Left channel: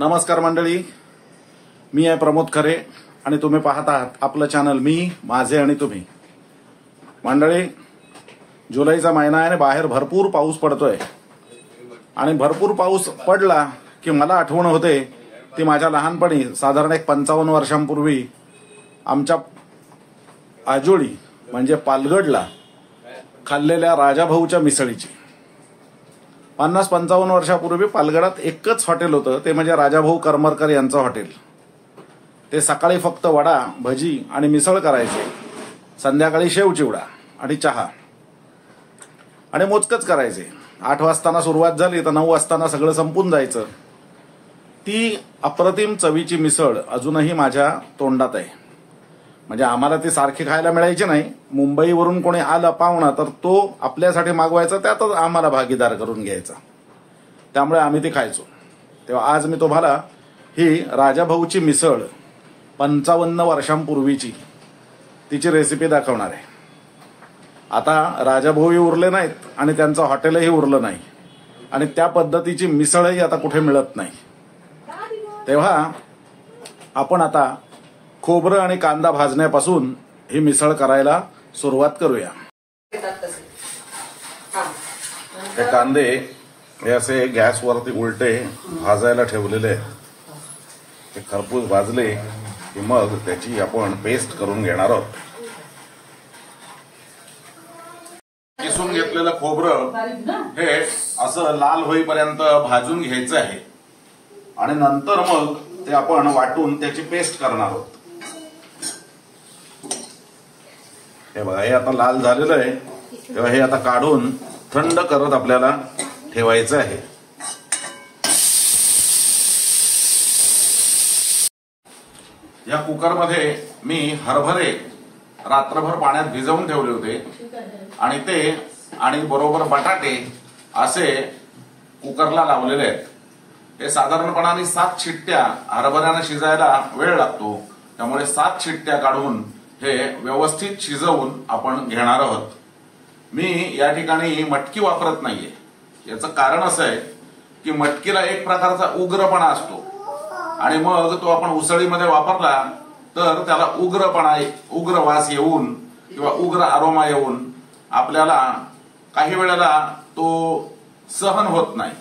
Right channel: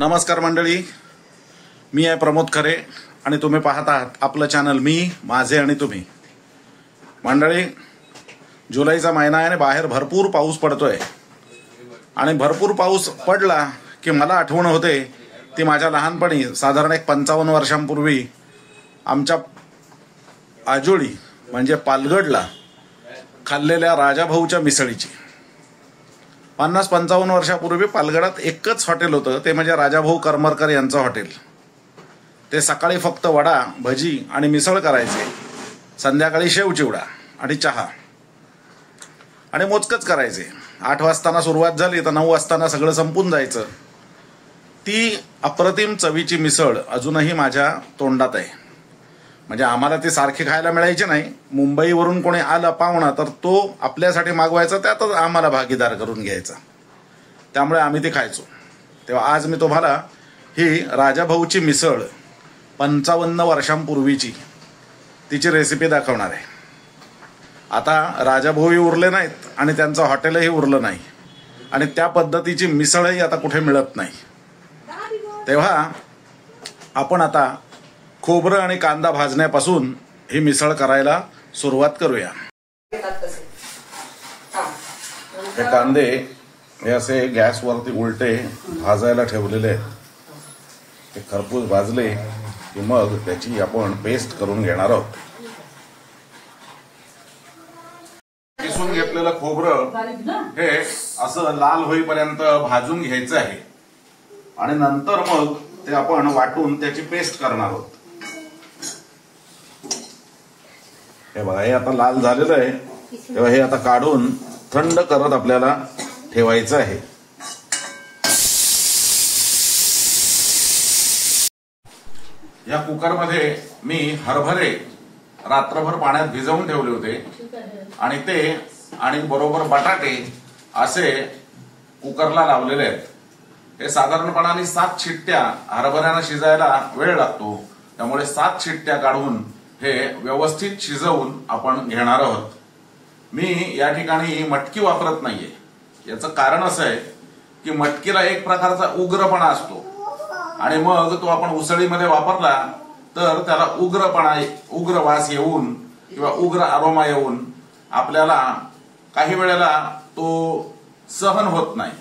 नमस्कार मंडळी, मी आहे प्रमोद खरे आणि तुम्ही पाहत आहात आपलं चॅनल मी माझे आणि तुम्ही. मंडळी, जुलैचा महिना आहे आणि बाहेर भरपूर पाऊस पडतोय आणि भरपूर पाऊस पडला की मला आठवण होते ती माझ्या लहानपणी साधारण 55 वर्षांपूर्वी आमच्या आजोळी म्हणजे पालगडला खाल्लेल्या राजाभाऊच्या मिसळीची. 50-55 वर्षापूर्वी पालगडात एकच हॉटेल होतं, ते म्हणजे राजाभाऊ करमरकर यांचं हॉटेल. ते सकाळी फक्त वडा भजी आणि मिसळ करायचे, संध्याकाळी शेव चिवडा आणि चहा आणि मोजकच करायचे. 8 वाजताना सुरुवात झाली तर 9 वाजताना सगळं संपून जायचं. ती अप्रतिम चवीची मिसळ अजूनही माझ्या तोंडात आहे. म्हणजे आम्हाला ती सारखी खायला मिळायची नाही. मुंबईवरून कोणी आलं पाहुणा तर तो आपल्यासाठी मागवायचा, त्यातच आम्हाला भागीदार करून घ्यायचा. त्यामुळे आम्ही ती खायचो. तेव्हा आज मी तुम्हाला ही राजाभाऊची मिसळ 55 वर्षांपूर्वीची तिची रेसिपी दाखवणार आहे. आता राजाभाऊही उरले नाहीत आणि त्यांचं हॉटेलही उरलं नाही आणि त्या पद्धतीची मिसळही आता कुठे मिळत नाही. तेव्हा आपण आता खोबरं आणि कांदा भाजण्यापासून ही मिसळ करायला सुरुवात करूया. हे कांदे हे असे गॅसवरती उलटे भाजायला ठेवलेले आहेत. ते खरपूस भाजले की मग त्याची आपण पेस्ट करून घेणार आहोत. किसून घेतलेलं खोबरं हे असं लाल होईपर्यंत भाजून घ्यायचं आहे आणि नंतर मग ते आपण वाटून त्याची पेस्ट करणार आहोत. हे बघा, हे आता लाल झालेलं आहे. तेव्हा हे आता काढून थंड करत आपल्याला ठेवायचं आहे. या कुकरमध्ये मी हरभरे रात्रभर पाण्यात भिजवून ठेवले होते आणि ते आणि बरोबर बटाटे असे कुकरला लावलेले आहेत. हे साधारणपणाने 7 शिट्ट्या, हरभऱ्यानं शिजायला वेळ लागतो त्यामुळे 7 शिट्ट्या काढून हे व्यवस्थित शिजवून आपण घेणार आहोत. मी या ठिकाणी मटकी वापरत नाहीये. याचं कारण असं आहे की मटकीला एक प्रकारचा उग्रपणा असतो आणि मग तो आपण उसळीमध्ये वापरला तर त्याला उग्र वास येऊन किंवा उग्र अरोमा येऊन आपल्याला काही वेळेला तो सहन होत नाही.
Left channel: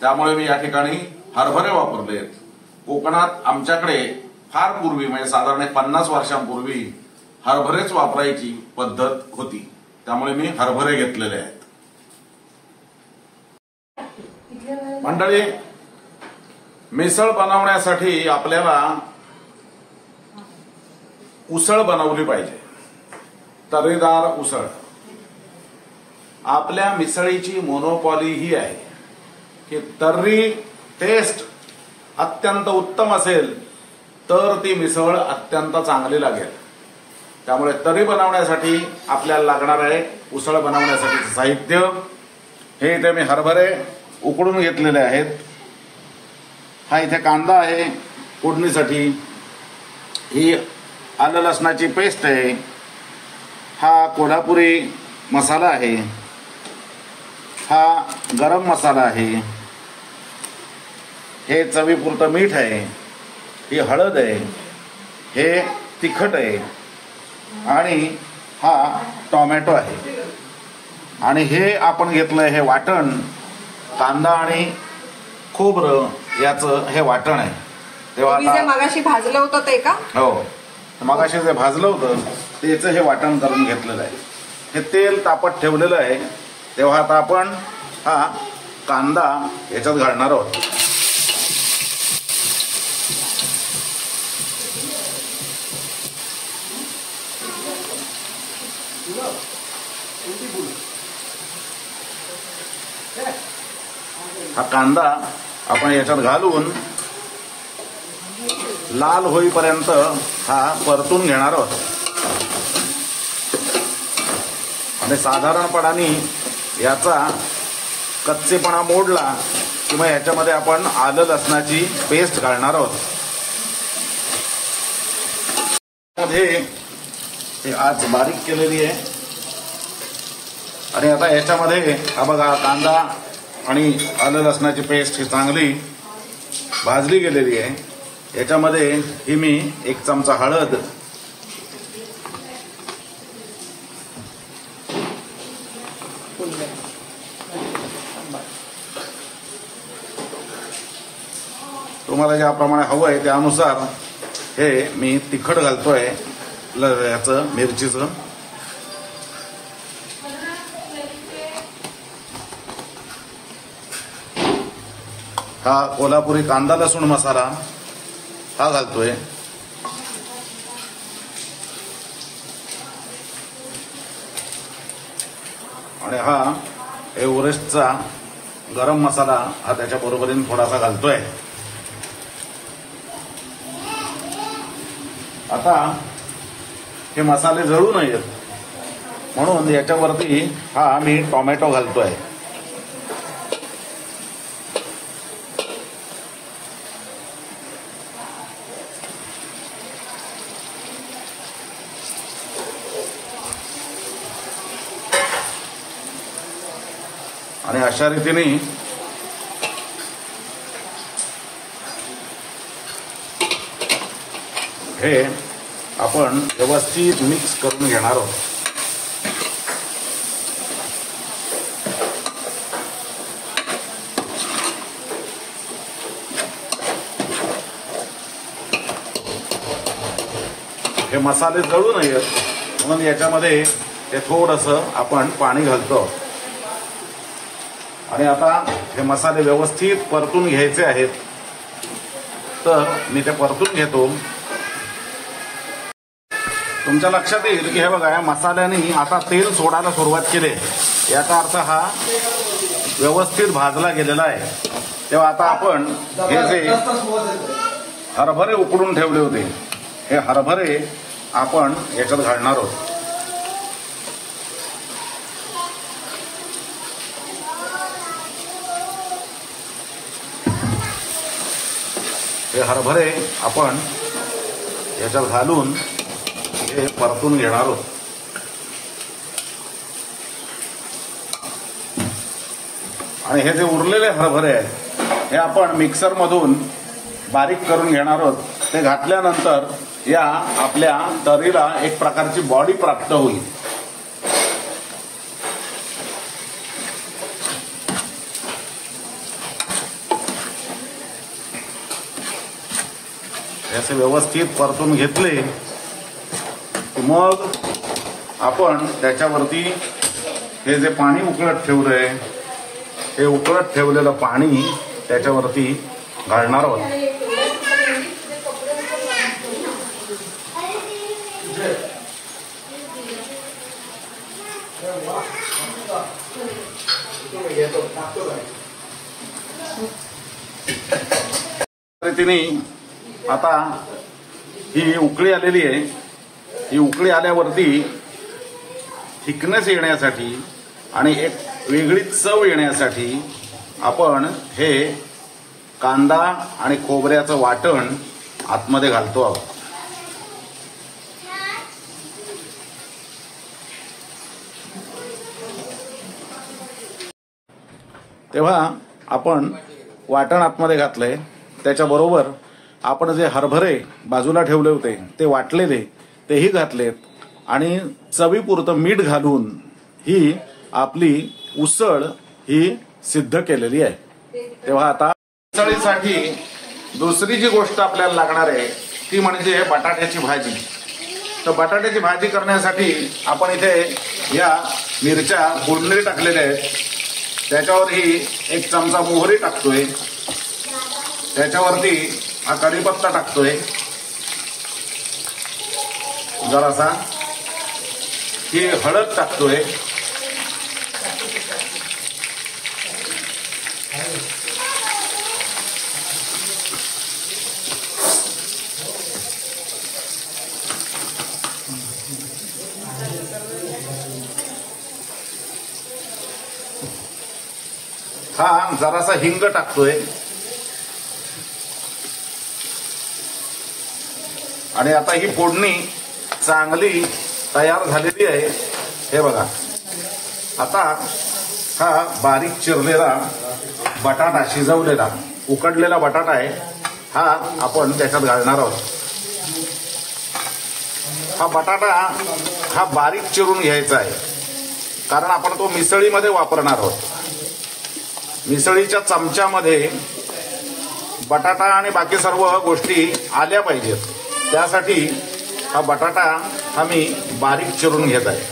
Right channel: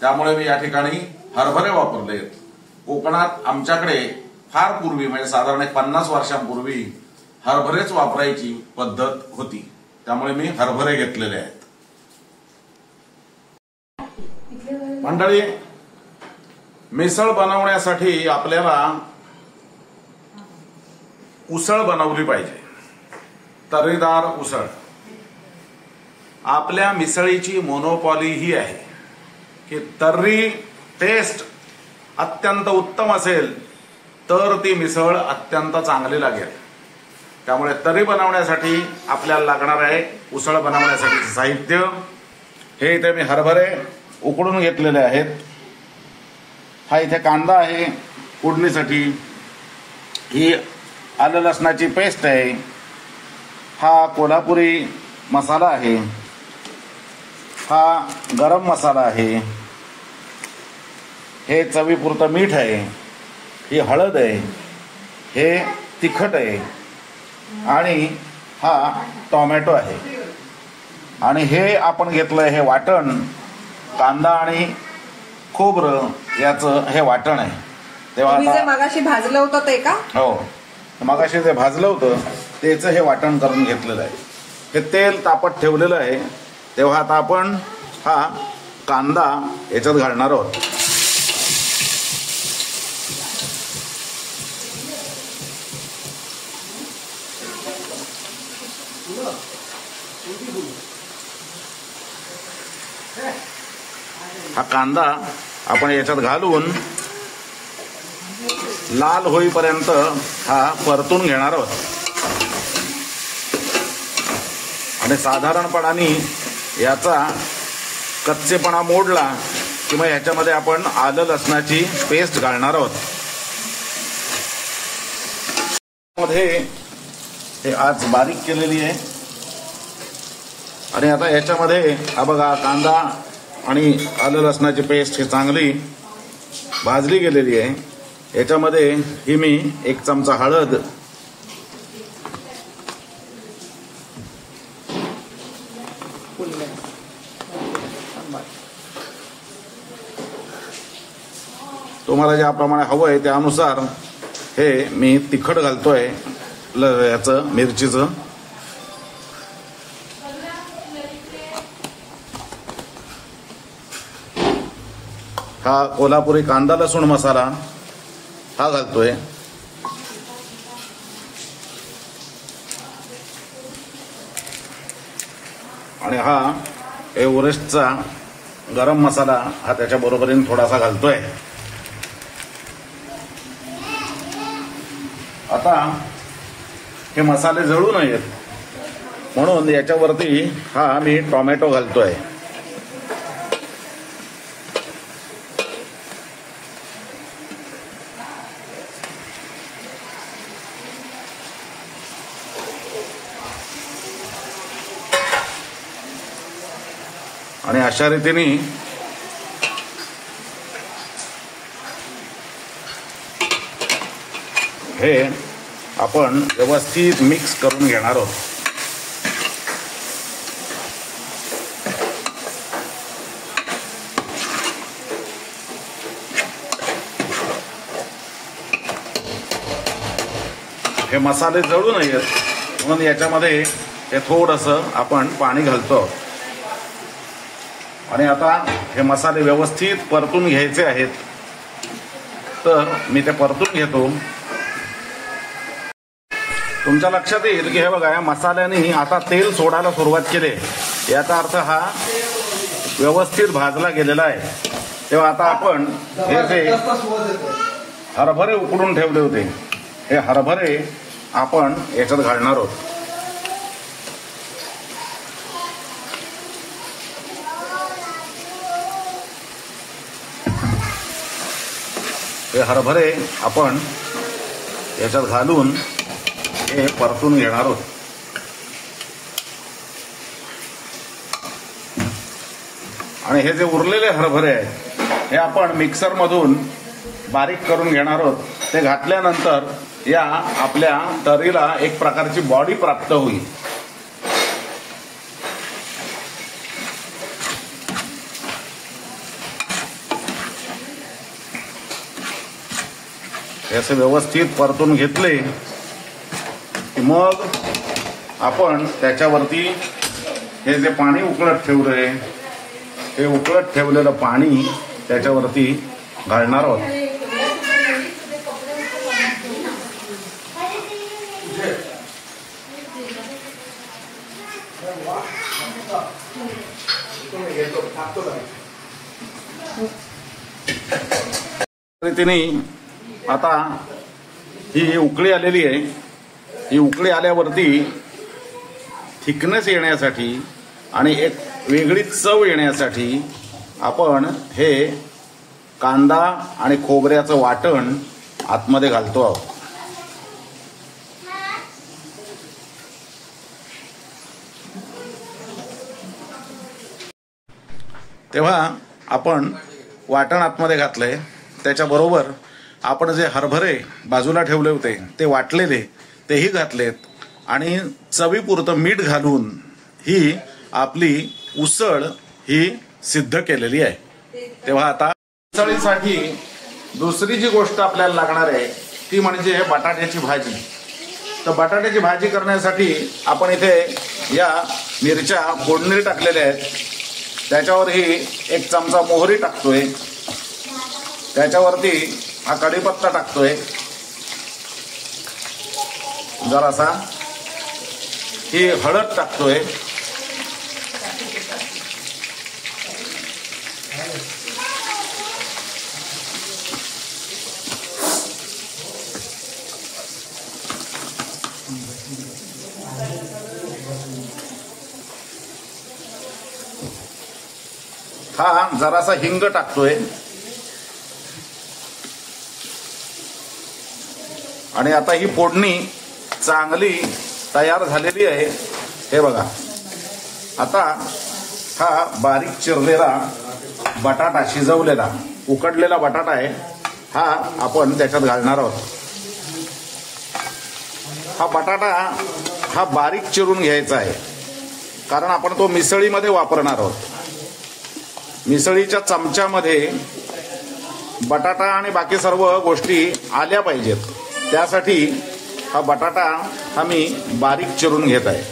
त्यामुळे मी या ठिकाणी हरभरे वापरले. कोकणात आमच्याकडे फार पूर्वी म्हणजे साधारण 50 वर्षांपूर्वी हरभरेच वापरायची पद्धत होती. त्यामुळे मी हरभरे घेतलेले आहेत. मंडळी, मिसळ बनवण्यासाठी आपल्याला उसळ बनवली पाहिजे, तर्रीदार उसळ. आपल्या मिसळीची मोनोपॉली ही आहे की तर्री टेस्ट अत्यंत उत्तम असेल तर ती मिसळ अत्यंत चांगली लागेल. त्यामुळे तर्री बनवण्यासाठी आपल्याला लागणार आहे उसळ बनवण्यासाठी साहित्य. हे इथे मी हरभरे उकडून घेतलेले आहेत. हा इथे कांदा आहे फोडणीसाठी. ही आलं लसणाची पेस्ट आहे. हा कोल्हापुरी मसाला आहे. हा गरम मसाला आहे. हे चवीपुरतं मीठ आहे. ही हळद आहे. हे तिखट आहे आणि हा टोमॅटो आहे. आणि हे आपण घेतलंय हे वाटण, कांदा आणि खोबरं याचं हे वाटण आहे. तेव्हा आता मगाशी भाजलं होतं ते का? हो, मगाशी जे भाजलं होतं त्याचं हे वाटण करून घेतलेलं आहे. हे तेल तापत ठेवलेलं आहे. तेव्हा आता आपण हा कांदा याच्यात घालणार आहोत. हा कांदा आपण याच्यात घालून लाल होईपर्यंत हा परतून घेणार आहोत. आणि साधारणपणाने याचा कच्चेपणा मोडला की मग याच्यामध्ये आपण आलं लसणाची पेस्ट घालणार आहोत. मध्ये हे आज बारीक केलेली आहे आणि आता याच्यामध्ये हा बघा कांदा आणि आलं लसणाची पेस्ट ही चांगली भाजली गेलेली आहे. याच्यामध्ये ही मी 1 चमचा हळद, तुम्हाला ज्याप्रमाणे हवं आहे त्यानुसार हे मी तिखट घालतोय याचं मिरचीचं. हा कोल्हापुरी कांदा लसूण मसाला हा घालतोय. आणि हा एव्हरेस्टचा गरम मसाला हा त्याच्या बरोबरीने थोडासा घालतोय. आता हे मसाले जळू नयेत म्हणून याच्यावरती हा मी टोमॅटो घालतोय. आणि अशा रीतीने हे आपण व्यवस्थित मिक्स करून घेणार आहोत. हे मसाले जळू नयेत म्हणून याच्यामध्ये हे थोडंसं आपण पाणी घालतो. आणि आता हे मसाले व्यवस्थित परतून घ्यायचे आहेत, तर मी ते परतून घेतो. तुमच्या लक्षात येईल की हे बघा या मसाल्याने आता तेल सोडायला सुरुवात केली. याचा अर्थ हा व्यवस्थित भाजला गेलेला आहे. तेव्हा आता आपण हे जे हरभरे उकडून ठेवले होते हे हरभरे आपण याच्यात घालणार आहोत. हे हरभरे आपण याच्यात घालून हे परतून घेणार आहोत. आणि हे जे उरलेले हरभरे आहेत हे आपण मिक्सर मधून बारीक करून घेणार आहोत. ते घातल्यानंतर या आपल्या तर्रीला एक प्रकारची बॉडी प्राप्त होईल. याचे व्यवस्थित परतून घेतले की मग आपण त्याच्यावरती हे जे पाणी उकळत ठेवलंय हे उकळत ठेवलेलं पाणी त्याच्यावरती घालणार आहोत. रीतीने आता ही उकळी आलेली आहे. ही उकळी आल्यावरती थिकनेस येण्यासाठी आणि एक वेगळी चव येण्यासाठी आपण हे कांदा आणि खोबऱ्याचं वाटण आतमध्ये घालतो आहोत. तेव्हा आपण वाटण आतमध्ये घातलंय. त्याच्याबरोबर आपण जे हरभरे बाजूला ठेवले होते ते वाटलेले तेही घातलेत आणि चवीपुरतं मीठ घालून ही आपली उसळ ही सिद्ध केलेली आहे. तेव्हा आता उसळीसाठी दुसरी जी गोष्ट आपल्याला लागणार आहे ती म्हणजे बटाट्याची भाजी. तर बटाट्याची भाजी करण्यासाठी आपण इथे या मिरच्या फोडणी टाकलेल्या आहेत. त्याच्यावरही 1 चमचा मोहरी टाकतोय. त्याच्यावरती हा कढीपत्ता टाकतोय जरासा. ही हळद टाकतोय. हा जरासा हिंग टाकतोय. आणि आता ही फोडणी चांगली तयार झालेली आहे. हे बघा आता हा बारीक चिरलेला बटाटा शिजवलेला उकडलेला बटाटा आहे हा आपण त्याच्यात घालणार आहोत. हा बटाटा हा बारीक चिरून घ्यायचा आहे, कारण आपण तो मिसळीमध्ये वापरणार आहोत. मिसळीच्या चमच्यामध्ये बटाटा आणि बाकी सर्व गोष्टी आल्या पाहिजेत, त्यासाठी हा बटाटा हा मी बारीक चिरून घेत आहे.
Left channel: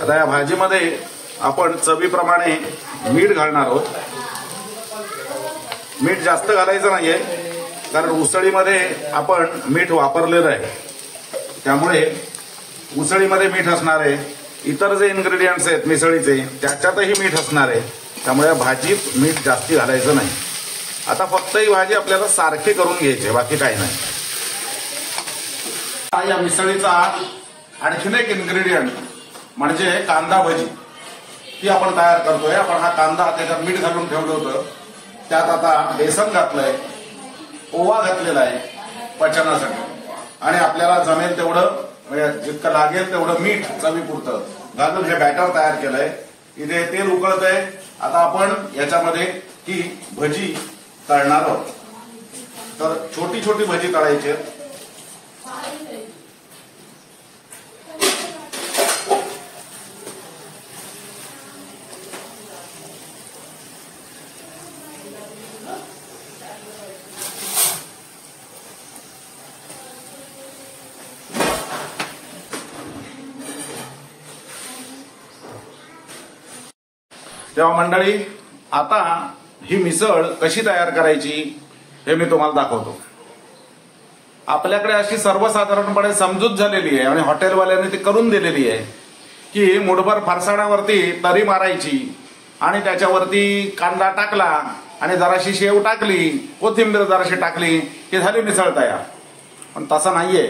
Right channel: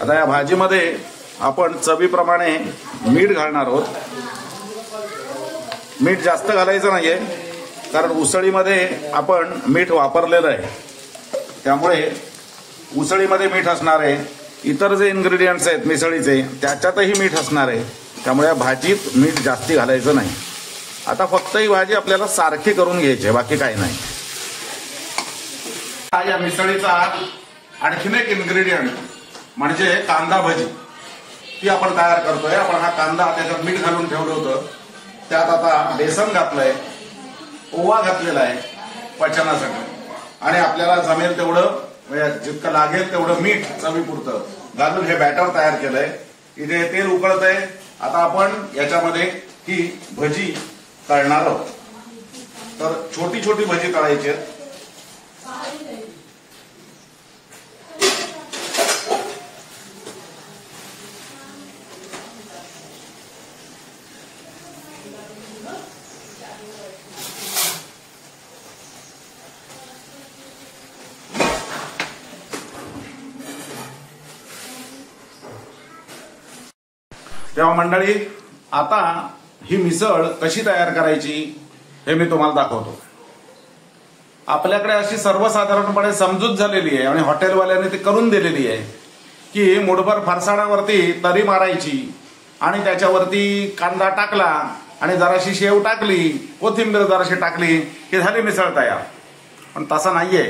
आता या भाजीमध्ये आपण चवीप्रमाणे मीठ घालणार आहोत. मीठ जास्त घालायचं नाहीये, कारण उसळीमध्ये आपण मीठ वापरलेलं आहे, त्यामुळे उसळीमध्ये मीठ असणार आहे. इतर जे इन्ग्रेडियंट्स आहेत मिसळीचे त्याच्यातही मीठ असणार आहे, त्यामुळे भाजीत मीठ जास्ती घालायचं नाही. आता फक्त ही भाजी आपल्याला सारखी करून घ्यायची, बाकी काही नाही. या मिसळीचा आणखीन एक इन्ग्रेडियंट म्हणजे कांदा भजी, ती आपण तयार करतोय. आपण हा कांदा त्याच्यात मीठ घालून ठेवलं होतं, त्यात आता बेसन घातलंय, ओवा घातलेला आहे पचनासाठी, आणि आपल्याला जमेल तेवढं जितकं लागेल तेवढं मीठ चवीपुरतं घालून हे बॅटर तयार केलंय. इथे तेल उकळतंय. आता आपण याच्यामध्ये ही भजी तळणार आहोत. तर छोटी छोटी भजी तळायची आहेत. तेव्हा मंडळी, आता ही मिसळ कशी तयार करायची हे मी तुम्हाला दाखवतो. आपल्याकडे अशी सर्वसाधारणपणे समजूत झालेली आहे आणि हॉटेलवाल्यांनी ती करून दिलेली आहे की मुठभर फरसाण्यावरती तरी मारायची आणि त्याच्यावरती कांदा टाकला आणि जराशी शेव टाकली, कोथिंबीर जराशी टाकली की झाली मिसळ तयार. पण तसं नाहीये.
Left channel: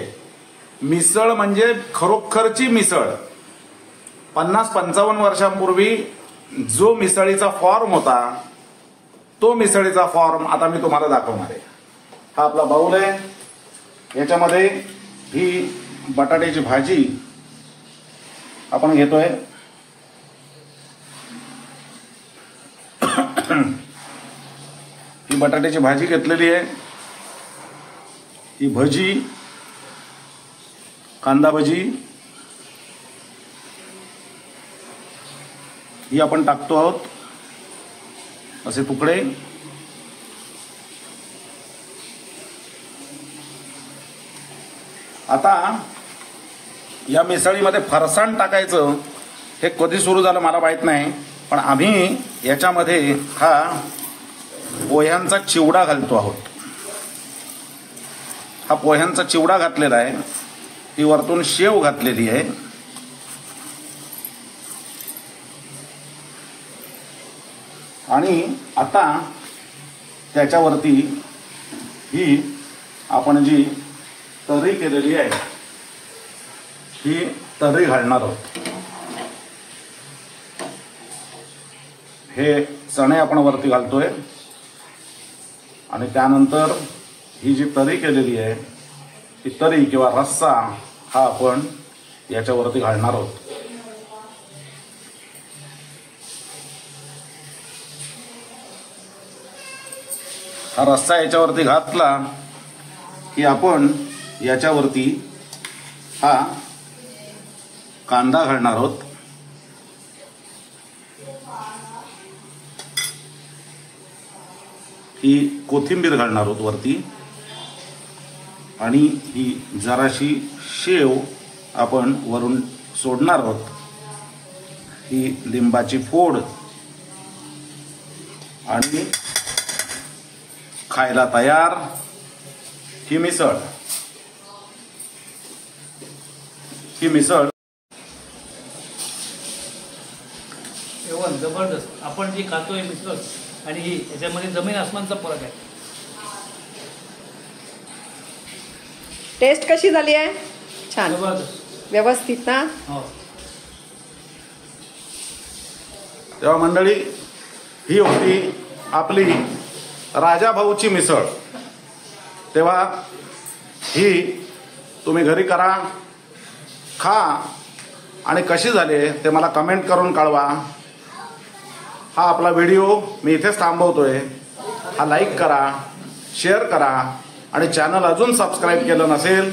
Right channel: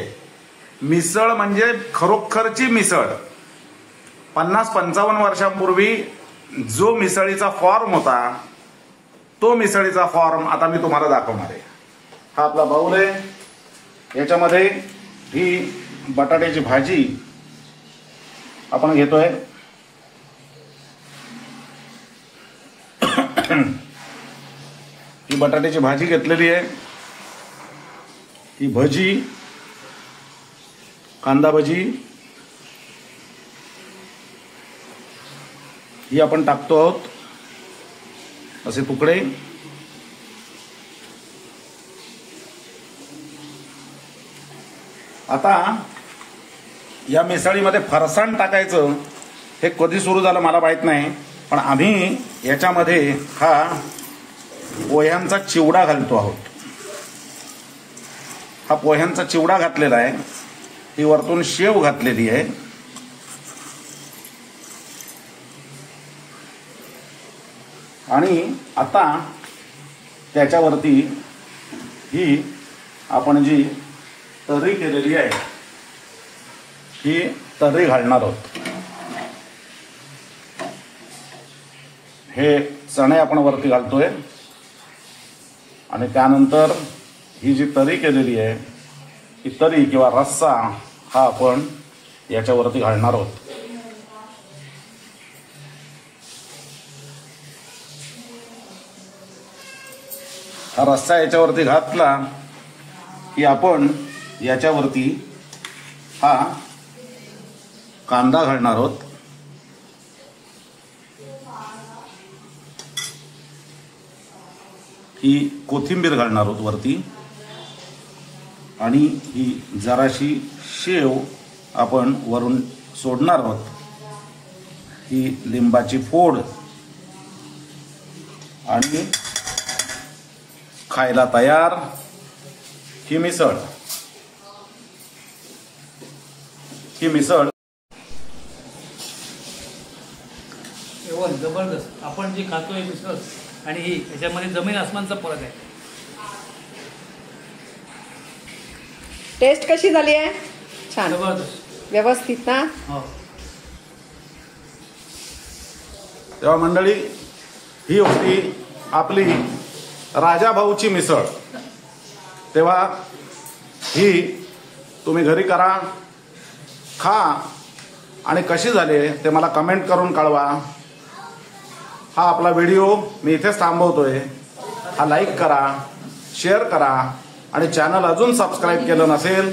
मिसळ म्हणजे खरोखरची मिसळ. 50-55 वर्षांपूर्वी जो मिसळीचा फॉर्म होता, तो मिसळीचा फॉर्म आता मी तुम्हाला दाखवणार आहे. हा आपला बाउल आहे. याच्यामध्ये ही बटाट्याची भाजी आपण घेतोय. ही बटाट्याची भाजी घेतलेली आहे. ही भजी, कांदा भजी ही आपण टाकतो आहोत, असे तुकडे. आता या मिसळीमध्ये फरसाण टाकायचं हे कधी सुरू झालं मला माहित नाही, पण आम्ही याच्यामध्ये हा पोह्यांचा चिवडा घालतो आहोत. हा पोह्यांचा चिवडा घातलेला आहे. ही वरतून शेव घातलेली आहे. आणि आता त्याच्यावरती ही आपण जी तर्री केलेली आहे ही तर्री घालणार आहोत. हे चणे आपण वरती घालतोय आणि त्यानंतर ही जी तर्री केलेली आहे ही तर्री किंवा रस्सा हा आपण याच्यावरती घालणार आहोत. हा रस्सा याच्यावरती घातला की आपण याच्यावरती हा कांदा घालणार आहोत. ही कोथिंबीर घालणार आहोत वरती आणि ही जराशी शेव आपण वरून सोडणार आहोत. ही लिंबाची फोड आणि खायला तयार ही मिसळ. ही मिसळ एवढं जबरदस्त. आपण जी खातोय मिसळ आणि ही याच्यामध्ये जमीन आसमानचा फरक आहे. टेस्ट कशी झाली आहे? छान, जबरदस्त, व्यवस्थित ना? हो. तेव्हा मंडळी, ही होती आपली राजाभाऊची मिसळ. तेव्हा ही तुम्ही घरी करा, खा आणि कशी झाली ते मला कमेंट करून कळवा. हा आपला व्हिडिओ मी इथेच थांबवतोय. हा लाईक करा, शेअर करा आणि चॅनल अजून सबस्क्राईब केलं नसेल